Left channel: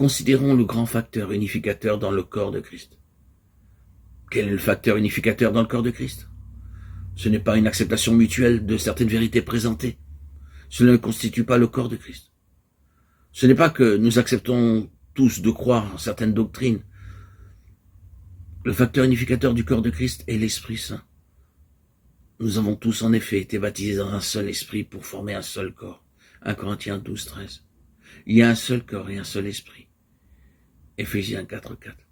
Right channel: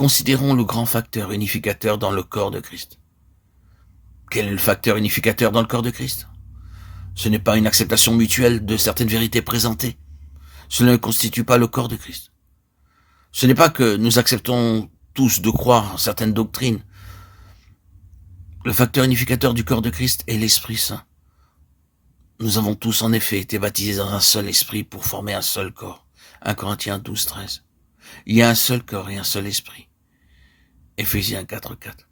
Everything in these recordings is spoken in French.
Considérons le grand facteur unificateur dans le corps de Christ. Quel est le facteur unificateur dans le corps de Christ? Ce n'est pas une acceptation mutuelle de certaines vérités présentées. Cela ne constitue pas le corps de Christ. Ce n'est pas que nous acceptons tous de croire certaines doctrines. Le facteur unificateur du corps de Christ est l'Esprit Saint. Nous avons tous en effet été baptisés dans un seul esprit pour former un seul corps. 1 Corinthiens 12, 13. Il y a un seul corps et un seul esprit. Éphésiens 4, 4.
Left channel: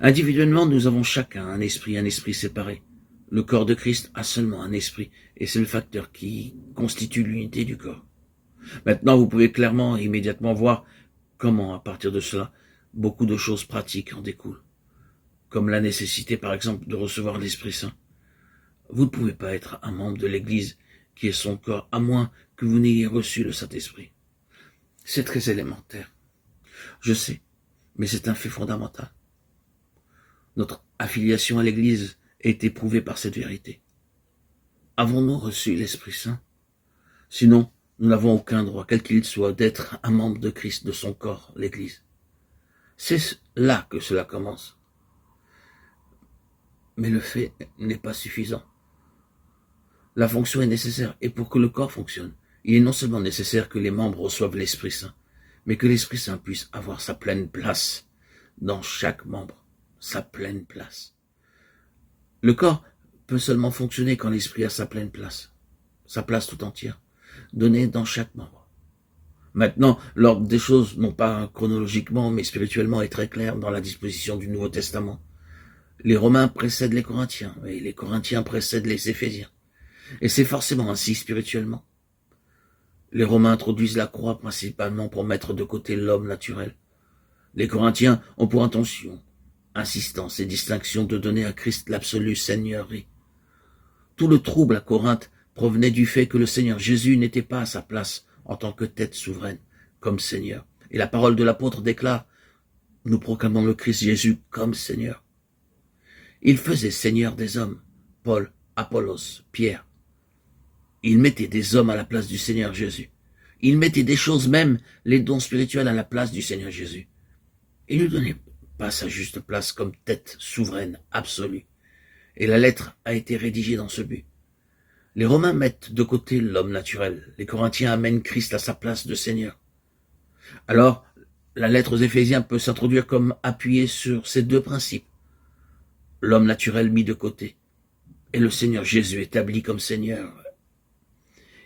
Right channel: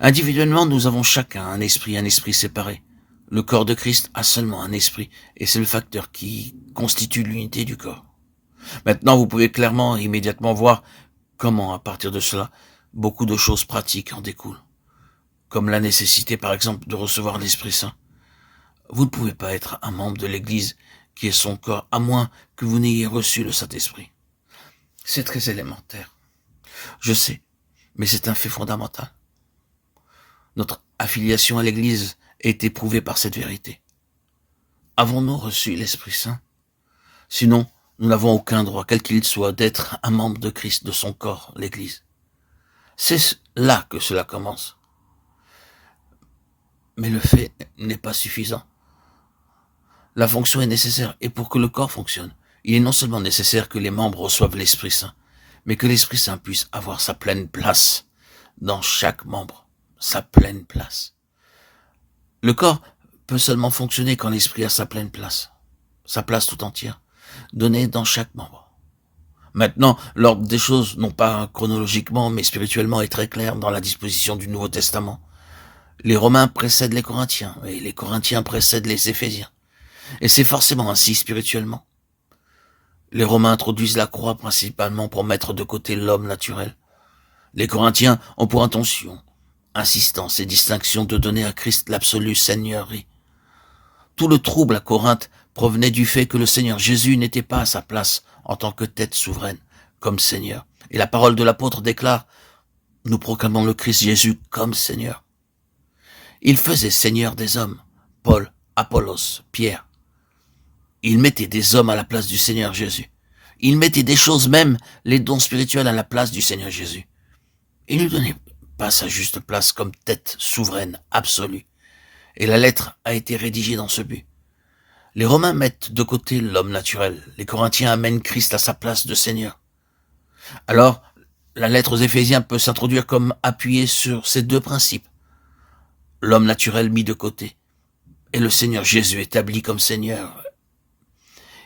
Individuellement, nous avons chacun un esprit séparé. Le corps de Christ a seulement un esprit, et c'est le facteur qui constitue l'unité du corps. Maintenant, vous pouvez clairement et immédiatement voir comment, à partir de cela, beaucoup de choses pratiques en découlent. Comme la nécessité, par exemple, de recevoir l'Esprit Saint. Vous ne pouvez pas être un membre de l'Église qui est son corps, à moins que vous n'ayez reçu le Saint-Esprit. C'est très élémentaire. Je sais, mais c'est un fait fondamental. Notre affiliation à l'Église est éprouvée par cette vérité. Avons-nous reçu l'Esprit Saint? Sinon, nous n'avons aucun droit, quel qu'il soit, d'être un membre de Christ, de son corps, l'Église. C'est là que cela commence. Mais le fait n'est pas suffisant. La fonction est nécessaire, et pour que le corps fonctionne, il est non seulement nécessaire que les membres reçoivent l'Esprit Saint, mais que l'Esprit Saint puisse avoir sa pleine place dans chaque membre, sa pleine place. Le corps peut seulement fonctionner quand l'Esprit a sa pleine place, sa place tout entière, donnée dans chaque membre. Maintenant, l'ordre des choses, non pas chronologiquement, mais spirituellement, est très clair dans la disposition du Nouveau Testament. Les Romains précèdent les Corinthiens, et les Corinthiens précèdent les Éphésiens. Et c'est forcément ainsi spirituellement. Les Romains introduisent la croix principalement pour mettre de côté l'homme naturel. Les Corinthiens ont pour intention, insistance et distinction de donner à Christ l'absolue seigneurie. Tout le trouble à Corinthe provenait du fait que le Seigneur Jésus n'était pas à sa place en tant que tête souveraine, comme Seigneur. Et la parole de l'apôtre déclare, nous proclamons le Christ Jésus comme Seigneur. Il faisait Seigneur des hommes, Paul, Apollos, Pierre. Il mettait des hommes à la place du Seigneur Jésus. Il mettait des choses, même les dons spirituels, à la place du Seigneur Jésus. Il ne lui donnait pas sa juste place comme tête souveraine, absolue. Et la lettre a été rédigée dans ce but. Les Romains mettent de côté l'homme naturel. Les Corinthiens amènent Christ à sa place de Seigneur. Alors, la lettre aux Éphésiens peut s'introduire comme appuyée sur ces deux principes. L'homme naturel mis de côté et le Seigneur Jésus établi comme Seigneur.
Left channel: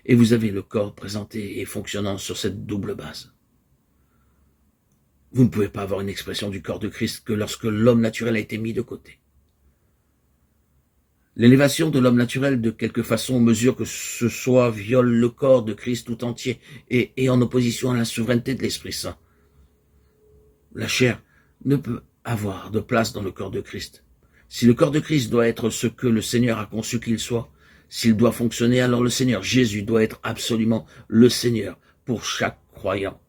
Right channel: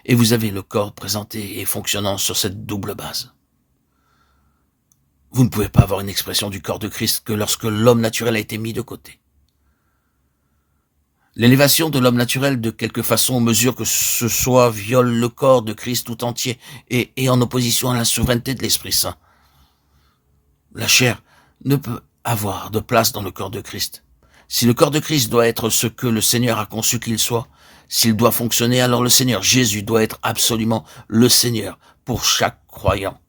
Et vous avez le corps présenté et fonctionnant sur cette double base. Vous ne pouvez pas avoir une expression du corps de Christ que lorsque l'homme naturel a été mis de côté. L'élévation de l'homme naturel, de quelque façon, mesure que ce soit viole le corps de Christ tout entier et est en opposition à la souveraineté de l'Esprit Saint. La chair ne peut avoir de place dans le corps de Christ. Si le corps de Christ doit être ce que le Seigneur a conçu qu'il soit, s'il doit fonctionner, alors le Seigneur Jésus doit être absolument le Seigneur pour chaque croyant.